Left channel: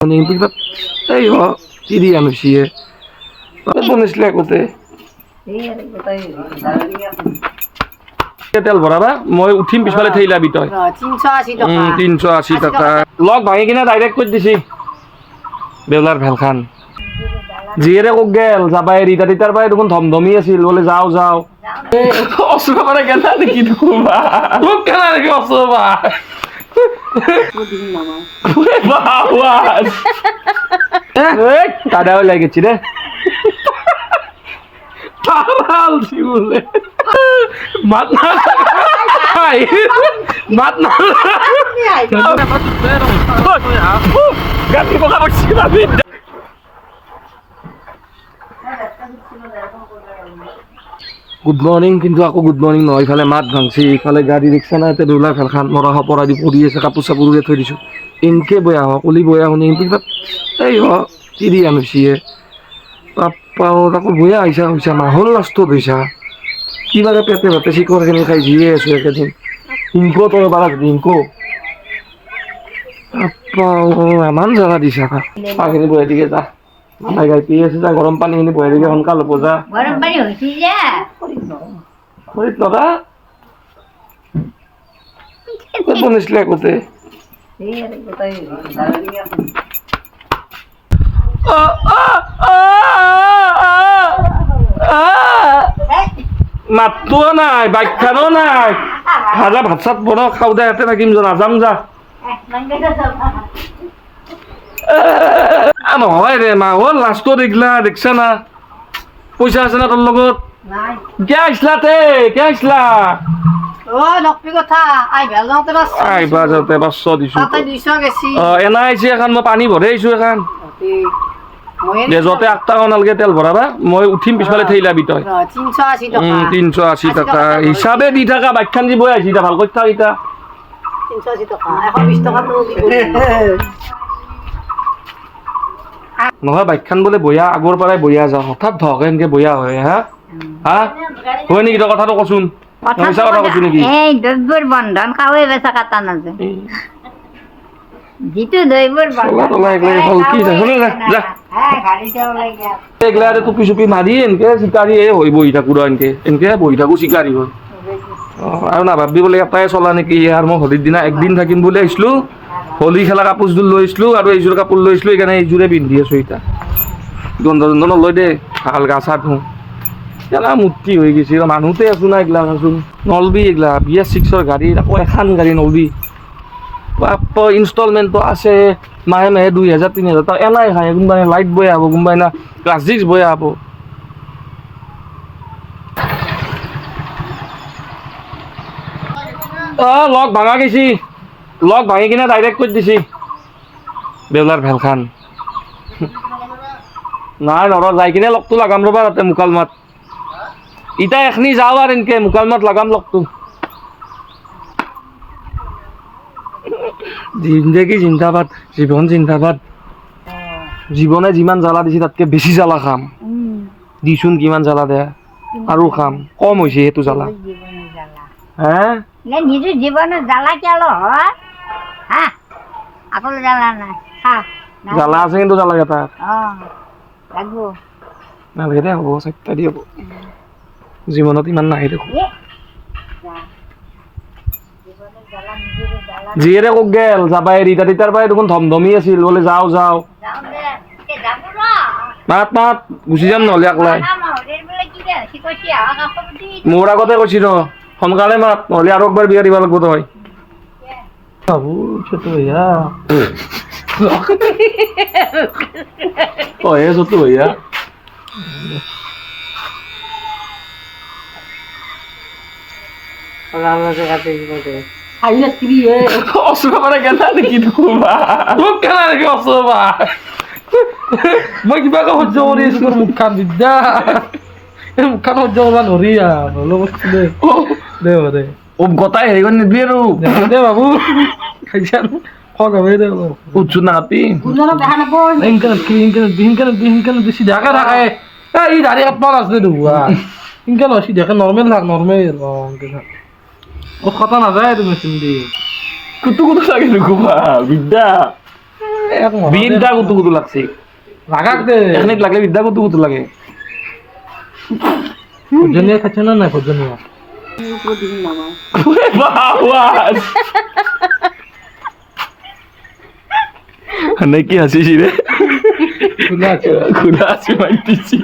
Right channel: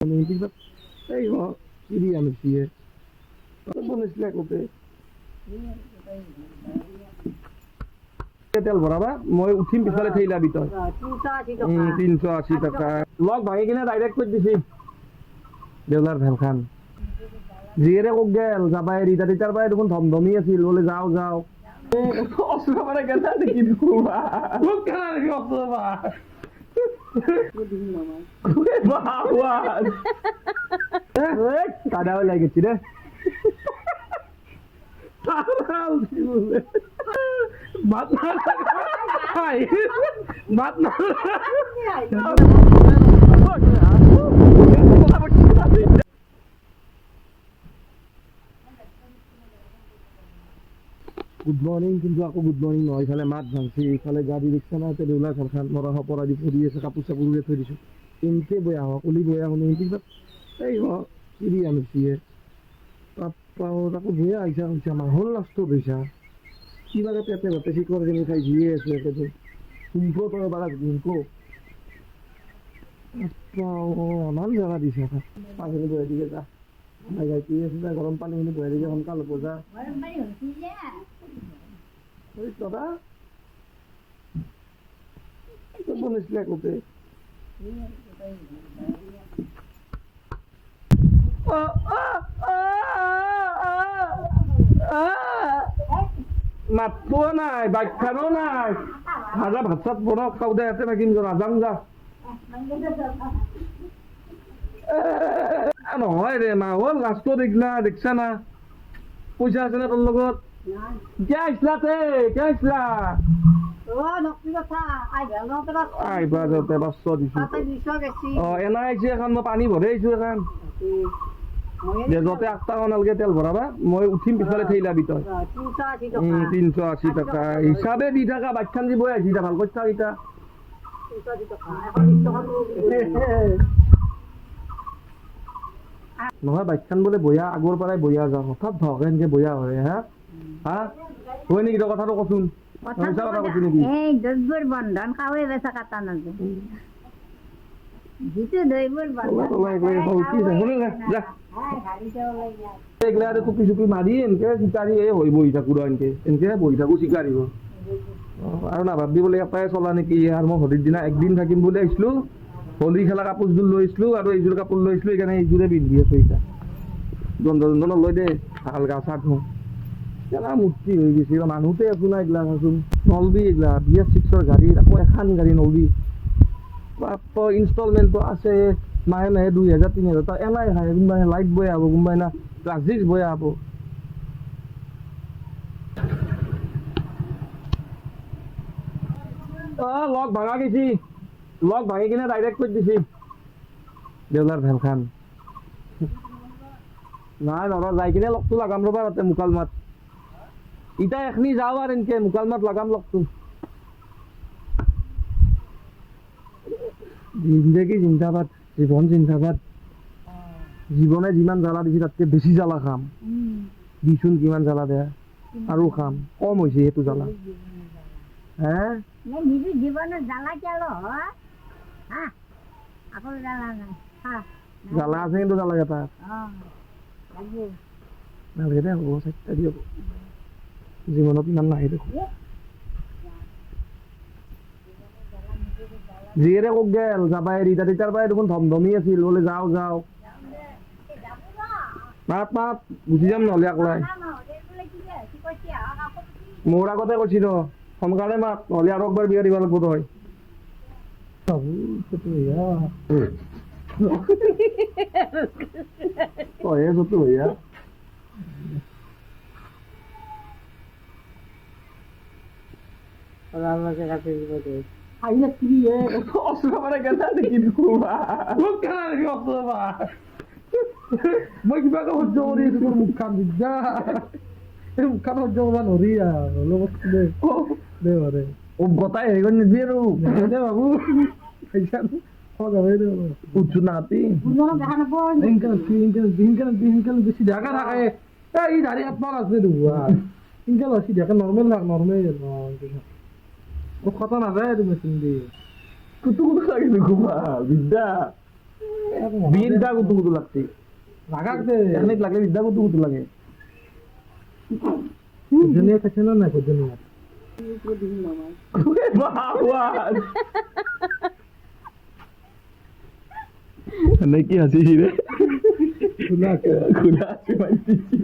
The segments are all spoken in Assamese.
Ning pikat ayo tiri anu siye. Bonus le kote. তেল ভৰাবা মই উঠিম পিছফালে থৈ লাবি তই 380 টাকা 380 টাকা লগ ভাঙি কিনে ডাইৰেক্ট কৰি দিছি বেউলাৰ ভেলখান জিয়েৰে কক গেল যাবা এৰি তাৰ পাই দেখোন ধমধমি আছিল বলে যাও যাও অসুবা মানে কেনা দেখি দুবা মোক কেনা দেখি অসুবা ওরে বাবা এই কাদাও লাগেছি রে তারাল বলে মাত না মাত না গাড়ি বলা বসছি না গুড মর্নিং কিন্তু আকৌ গুড মর্নিং নহয় ইফালে মাত ভাঙছি ইফালে গাড়ী ৰিক্সা নাই তে দৌলা ফেলখান মৰা হপৰা দি পৰি আছে কাপোৰ চাপোৰ উলিয়াই থৈ দিছোঁ ইনকে বয়া হ কলি বয়া শুনি পিছত এই হ তিৰি আনিছিয়ে পাপাও তাকো বয়া আহিছা হৈছা মাহল লাষ্টত হৈছা কিবাকে পেটে ভাতে চিকৰখিনি খাই জিয়ে আছোঁ একেদিন ইনকো তই পাৰা ইনকো পাপাও এমান জাগা দিছা পাখিনি বহাই দিকে যা মাথায় গাই পি আছে যা গৰম পানীখিনি বহাই দিকে সোনকাল হ'ব যা গৰম পানি হইছি যে খৰিত নদা ক'ত বনাইছিলে আগতে মাতটো নাই বাইকখানো নাই ভাজা ভাত চাত বনাও খাওঁ দে ইয়াতে থাকিম যা নাযাম যা নহয় ৰে মা হ'ল লাষ্টত এইগিলা দেখছা না পইচা আছে না তোৰ লগত নাই কিয় আহিছিলা তে কিয় আহিছিলা ও নকপি কথা আই ভাল নতে বাস আহিবা যাওঁতে 500 দিছোঁ তাতে 200 গেছি এনা আহিছে এখন মই পানী ভৰাই আহিছোঁ এখন দে য'তে 8 টাকা নালগে তেল ভৰাবা মই উঠিম পিছফালে থৈ লাবি তই 380 টাকা 380 টাকা হিচাপে দি থাকা বাইকখান যি বৈ আহিছে ভাল কৰি থাক এতিয়া 380 টাকা 120 টাকা তো দিব নহয় বাইকখান বোলে বয়া আগৰ পৰাই বয়া যা হঠাৎ ধক এনেকে বয়া হয় হা হা হয় নেকি তই কথাটো কচোন মিছা কথা কৈছো নেকি এই দৈবর বন্ধন কাওয়ে বেচা কাটা নাজে জিতু দৈবর বন্ধন তোলা একলাই হল কি যা শুনে যা হ্যাঁ গাড়িটা ওলাই গিয়া এগলারে টুপি চুপি মাৰি এনেকে চিকাৰী হৈ বহি থাকো এনেকে বহি থাকো চিকাৰী হৈ আৰু না ভাবি বোলে এটাই চলা নেকি আৰু মই হোলীৰ দিনা একদিন থাকিম বুলি আহিছিলোঁ হোলী খেলা কাপোৰযোৰ লৈ আহিছিলোঁ আৰু এইযোৰ কাপোৰ লৈ আহিছিলোঁ সেইকাৰণে এইযোৰে পিন্ধি আছোঁ এতিয়া গন্ধ চন্ধ নলয় দে ভাল গা চা ধুওঁ কেলা মূৰ্তি হৈ গৈছে মানুহতে আছোঁ না এইগিলা আছোন নলবি এইগিলা BS6ৰ গাড়ী আকৌ এখন গাড়ী নলবি ইনষ্টলমেণ্টটো আছে মাহে মাহে 2000 3000 টকা এনাই খায় কোনোবাই লাইট বৈ আহব কোনোবাই না প্লাষ্টিক্স বৈ আহব লগ ভাঙা গৈছি লগ ভাঙি কিনে ডাইৰেক্ট কৰি দিছি বেউলাৰ ভেলখান নাই নৰ যাই কিনে লগটো লাগাম ৰ'বা তাতে মুকালমাত ইটা এখনি যাওঁ আৰু এনেকে মুকালমাত লাগাম লগটো জিন্দগী জিন্দাবাদ জীৱন জিন্দাবাদ জীৱনে যিমান জ্বালা দিছে তাতকে বেছি জ্বালা খাম দিচোন কিমান জ্বালা দে আৰু খাম কম হৈছে সেইটো জ্বালা হে নিজের জীবনে জ্বালা কেলো হয় হ্যাঁ আকল জ্বালা নাই হ্যাঁ জ্বালা আছে কিন্তু জ্বালা এটা লাগবো নালাগে দে হ'ব চাৰিটা দি হ'ব জীৱনত ইমান নাহে দেখোন জিয়েৰে কক গেল যাবা এৰি তাৰ পাই দেখোন ধমধমি আছিল বলে যাও যাও মাত মাত গুচি যাম নহ'লে একলাই মোৰ আগতে কৈছি ন সোনকালে মাত নহ'লে আৰু একবাৰ বিয়া দিব লাগিব তই বাবু ছোট ভैया হে ছোট भैया অসুবা মানে কেনা দেখি দুবা মোক কেনা দেখি অসুবা মই কিবাকে সহ্য কৰি আছো মুখখান বিদ্যা মুখখান সহ্য কৰিব নোৱাৰি আৰু বস্তু দে দে দে গতাই হেৰি কৰি নিদিবি আৰু দে বাবু খাইছা খোৱা গাবে দে উঠছো না কাপি ইনকে বেছি ঢাকা থাকে এই দাড়ি কাটবা নাজনে দুবা ইনকে নহয় ঢাকা নৰ্মেল থাক নৰ্মেল ও কথা নাযায় তুমি মেচিন দি কুটু কুটু লাগে নুকুবা বিদ্যা বিদ্যা কুতু কুতু লাগছে লাগাক দে এখানে লাগলে বিদ্যা কুতু কুতু লাগে ভোজনীয় খাচ্ছে না ভোজনীয় নাকি হাসিস রে খুলে আছে খুলে হাসি মারতেছি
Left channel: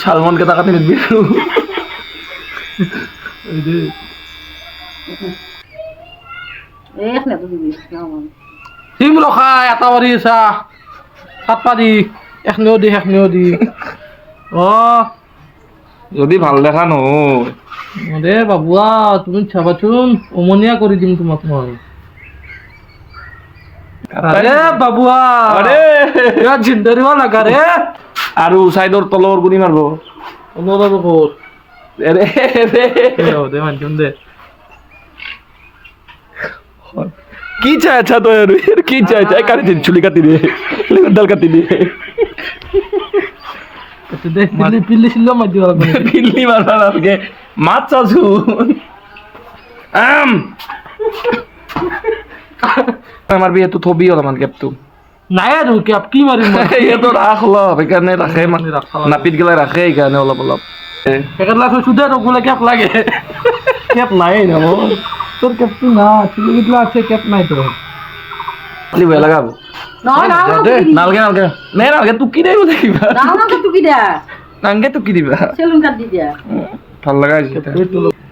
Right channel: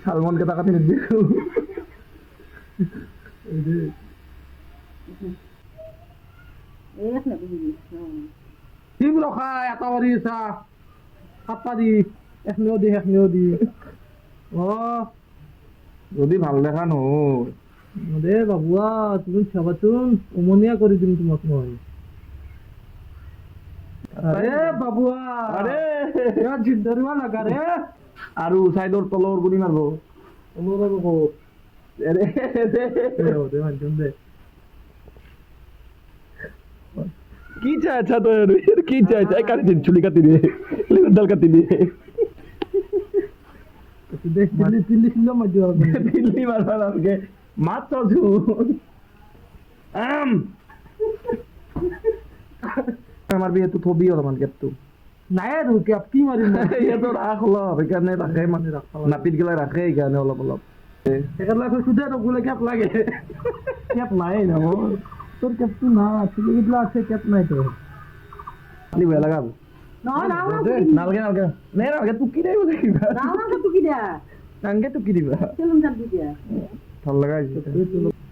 সালমানকে তাকাতে নিবি সিম ৰখাই এটা মাৰি আছা কাটপা দি এখনেও দি যদি ভাল দেখা নহয় দে বাবুয়া তুমি চাবাচোন উমনিয়া কৰি দিম তোমাক মই আৰে বাবুয়া আৰে ইয়াত জিন্দৰিব লাগা ৰে আৰু চাইডৰ তলৰ গুণি মাৰব অনুৰাব ক'ত এৰে দে মানচোন দে কি চাই আচ্ছা তো আর কি চাই চাই কাটি দিন চুলি কাটি দিয়ে ডাল কাটি দিয়ে দে পিল্লি ছিল মাই দিব লাগবে পিল্লি মারবা লাগে মাছ চাচু আমার বিয়ে তো থবি হল মান কেপ তো নাই আৰু কি মাৰিম ইয়ে তো ৰাখ ল সেইকাৰণে ৰাখে মানে নাপিত গেলাই ৰাখে সেইকাৰণে অলপ অলপ পেকেট লাখ সুদে ৰগুলে কেপ লাগে কেপ নাই না তোর কেপটো না চুলিগুলো আছে কেপ নাই তো খালি ভয় লাগাব নহয় নালগে নালগে নে নালগে তুকি দেই বলে কিবা টুকি দিয়া নালগে তুকি দিবা চেলুন কাট দি দিয়া ভাল লাগা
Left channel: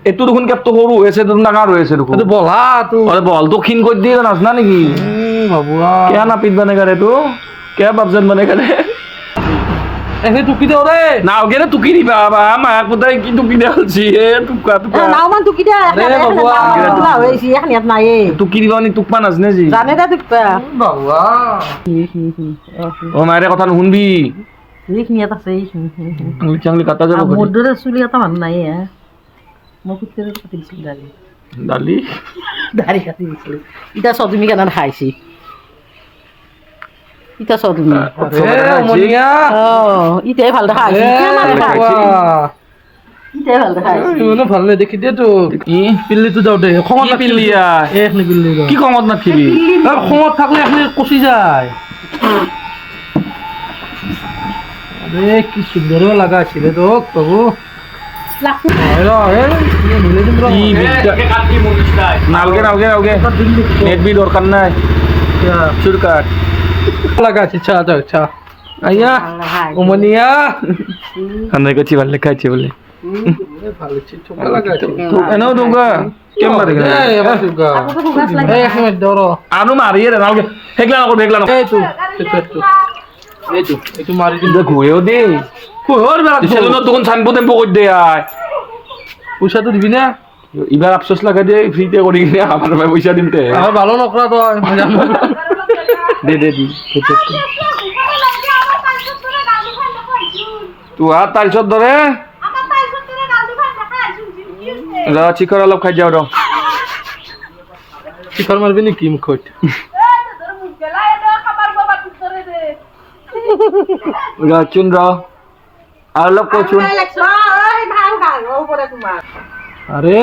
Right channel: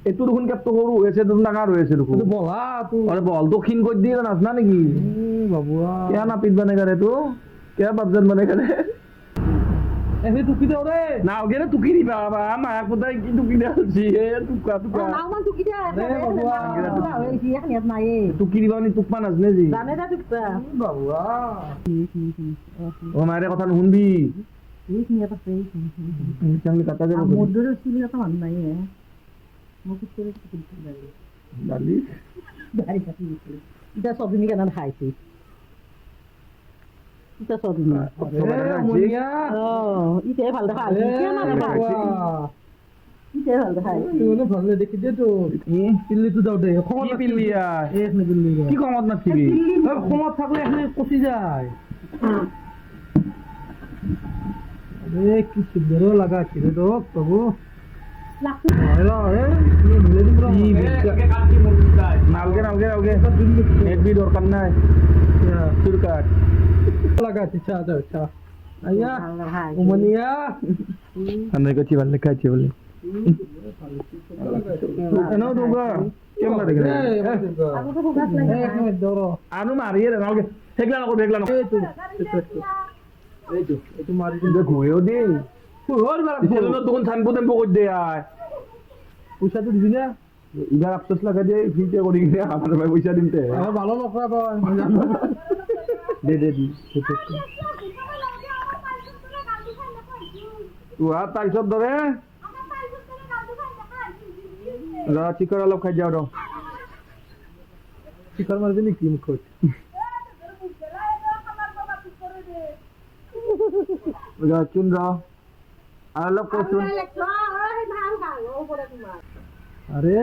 এইটো দেখোন কেপটো সৰু হৈ আছে দেখোন ডাঙৰ হৈ আছে দেখোন তো বলা তো আৰে বল তো ক্ষীণ কৰি দিয়ে নাচ না নেকি বাবুয়া क्या नापित बनेगा रे तू क्या बापजन बनेगा रे এনে টুকি দেও রে नाव के तुकी दी बाबा माया पुता की तुकी दे छी ए तुका तुका নাওমান টুকি দিয়া হয়েছি এখন ইয়াত নাই तुकी दिबा नि तुकपा नाजने जी জানে দে টুকপা বাবুয়া ओ मारे কথা শুনবি এইখিনি ইয়াত আছে আঙুলি চাঙলি কাটা যাব মোৰ দৰে চুলি এটা মানুহ নাই মই কুত্তেৰে কাটি দিছিল ডালি দাড়ি কাটি দিছিল ইটা চদমি কেনে খাইছি ইটা চদমি মনিয়া ইটাই ভাল দেখা হৈছে ইটাই ভাল দেখা হৈছে ইমানো ভাল নাই দেখি দে তো কি পিল্লিটো যাও দে কি পিল্লিয়া এখনি পিল্লি কি খঙত নাথিবি খঙত থাকলে এখনি কচি যায় আরে কি সুন্দর লাগা ছিল তো বাবু নালগে নালগে নালগে নেট বি দরকার নাই চুরকাট লাগা আছে চা দাও চা আইয়া উমনিয়া আমরা কাছে ভালো খাইছে বলে ভালো আছে চোকা লাগা আছে তো এনাও দুগা কেম মারে গেল এই আবার চোকা এই এক মিনিট ধরো আনু মারিয়ে রে নালগে হেগলা না হেগলা না এই তো একটু মারি দিন দেখো এও দে কোর বেলা সেলুন তখন ছানবো দেবো কই দে আয় পয়সা তো দিবি না এবার আফসোস লাগা দে ফ্রিতে করি কিনে আমার ভাই পয়সা দিতে আমার ভালো নকরা তো দে দে দি তুই আর তার চোদ্দ ধরে চিকর অলপ খাই যাও শিখর মারবি নি কি মুখট চুন আর অলপ চুন আরে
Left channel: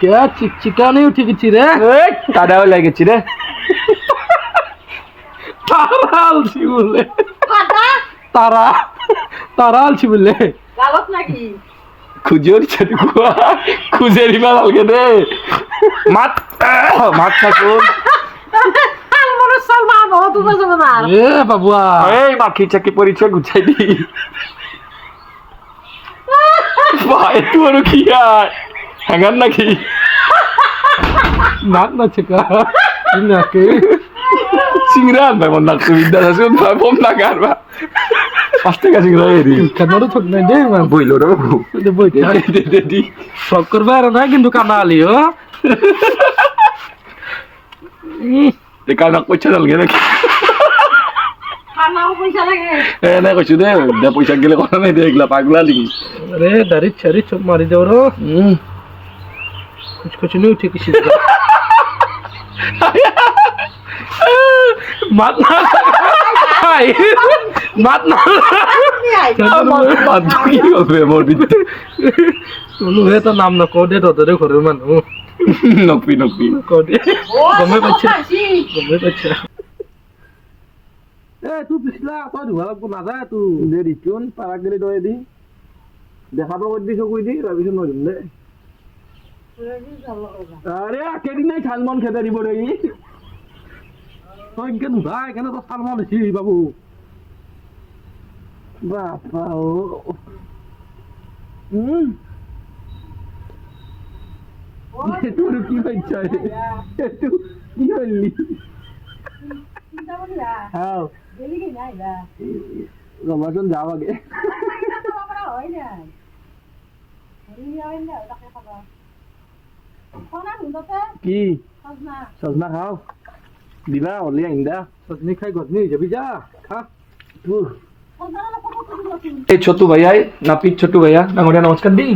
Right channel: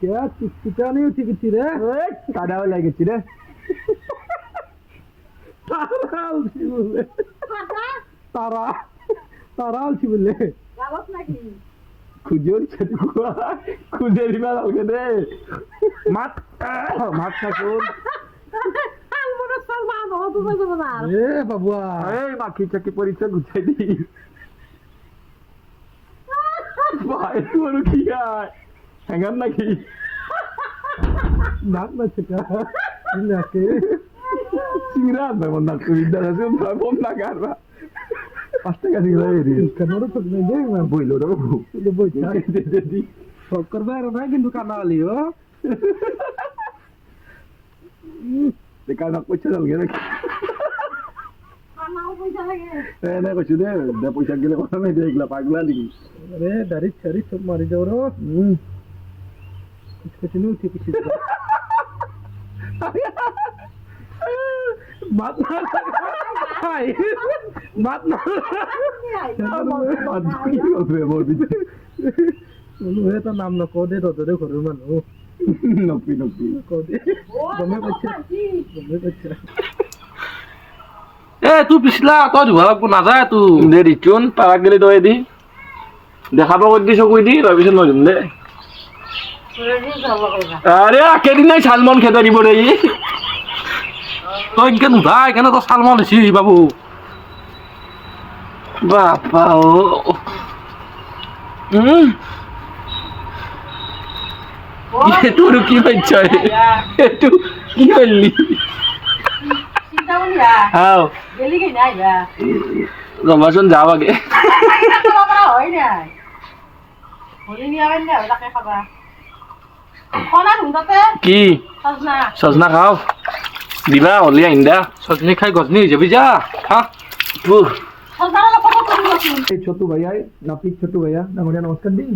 কে চিকচিকা নেই উঠে গেছি রে কাদাও লাগেছি রে তারা আলছি বলে তারা আলছি বলে গালত নাকি খুঁজেও ছাতি খুঁজে দিবা লাগে রে মাত মাত থাকুন এ বাবুয়া এই মাখি চাকি পরিচয় গুছাই দি ভাই তোর কি আর হ্যাঙ্গার নাকি নাক না চিকা নাকে চিংড়া ভাই মন নাক বিদ্যা আছে ভাই বম না গারবা পাঁচটা কাছে গেলে রে কানারও ঠক নাই দে মা বইলো রে বাবু দে বই দে দে দি সব করবে আর না কিন্তু কানা আলি ও তে কানা পয়সা লাগে নাকি খানাও পয়সা লাগে না কইছো দে দে পয়সা গেলে কথা নাই দেখলা পাগলা লিখি अरे दारी छरी चुप मारी दे रो कुछ नहीं उठी किसी मत ना मत ना বাদ কি হবে মোর বিতে নো হে তো নাম না কোডে তো ধরে ঘরের মানুষ নকবি গমে পাইছে গমে পাইছে এ তুই পিছলা তই ধুবা লাগব নাযায় তুই দে দিচোন পাৰাক গেলি তই দি দেখাব কৰি দি চকুই দি তাৰপিছত মই দিম দে আৰে কেইদিনাই চালমন খেদাই দিব দে ই তই ইনকে নুধা সেইকাৰণে তই চালমান হৈছি বাবু বাপা ও এইটো আৰু কি পাইছ এইটো কি কৰিলি হাও ৰমাচোন যাওঁ আগে কি সজনা খাওঁ দিবা হলি আহিম দা চজনি খাই গজনি হৈ যাবি যা হা এই ছোটু ভাইয়াই নাপিত ছোটু ভাইয়া ডাঙৰীয়া নমস্কাৰ দি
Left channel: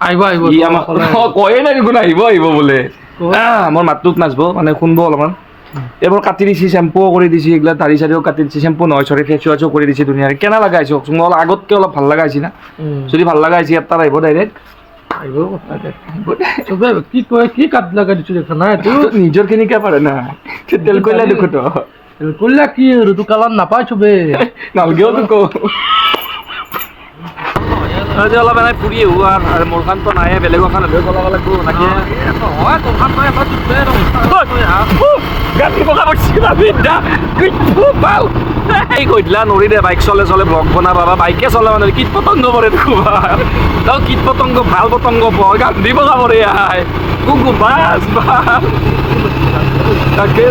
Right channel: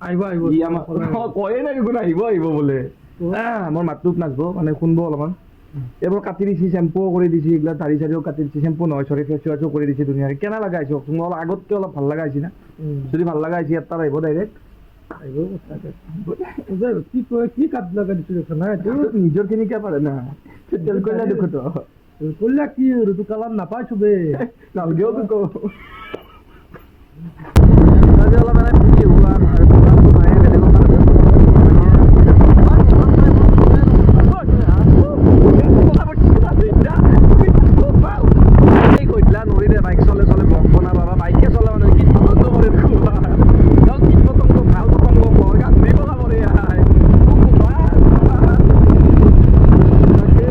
আহিব আহিব ই আমাক কয়ে নাই দেখোন আহিব আহিব বোলে মোৰ মাতটোক নাচব মানে শুনব অলপমান এইবোৰ কাটি দিছি চেম্পুও কৰি দিছি এইগিলা দাড়ি চাৰিও কাটি দিছি চেম্পু নহয় চৰি ফেচ ৱাছো কৰি দিছি ধুনীয়াকৈ কেনে লগা হৈছে কওকচোন মই আগতকৈ অলপ ভাল লগা হৈছে না যদি ভাল লগা হৈছে ইয়াত আহিব ডাইৰেক্ট আহিব চবে কি কয় কি কাট লগা দিছো দেখা নাই তোৰ নিজৰ খিনিকে পাৰে না তেল কৰিলে দেখো তো কল্লা কি আৰু তোৰ কালাৰ নাপায় চবে নালগেও তোক আজি অলপ এনেই ফুৰি আহোঁ আৰু মোৰ খানতো নাই বেলেগৰ খান হ'লেও চলাব লাগিব তাকে হয় তোৰ খান গাড়ী বগা পাচ্ছি বাবিদা পাও এই কইতলা নৰি দে বাইক চলে চলে ব্লগ বনাবা বা বাইকে চলে মানে কীট পতংগ পৰে দেখুবা তই কীট পতংগ ভাল পতংগ পৰ গান্ধী বগা পৰে আই বাছ তাকে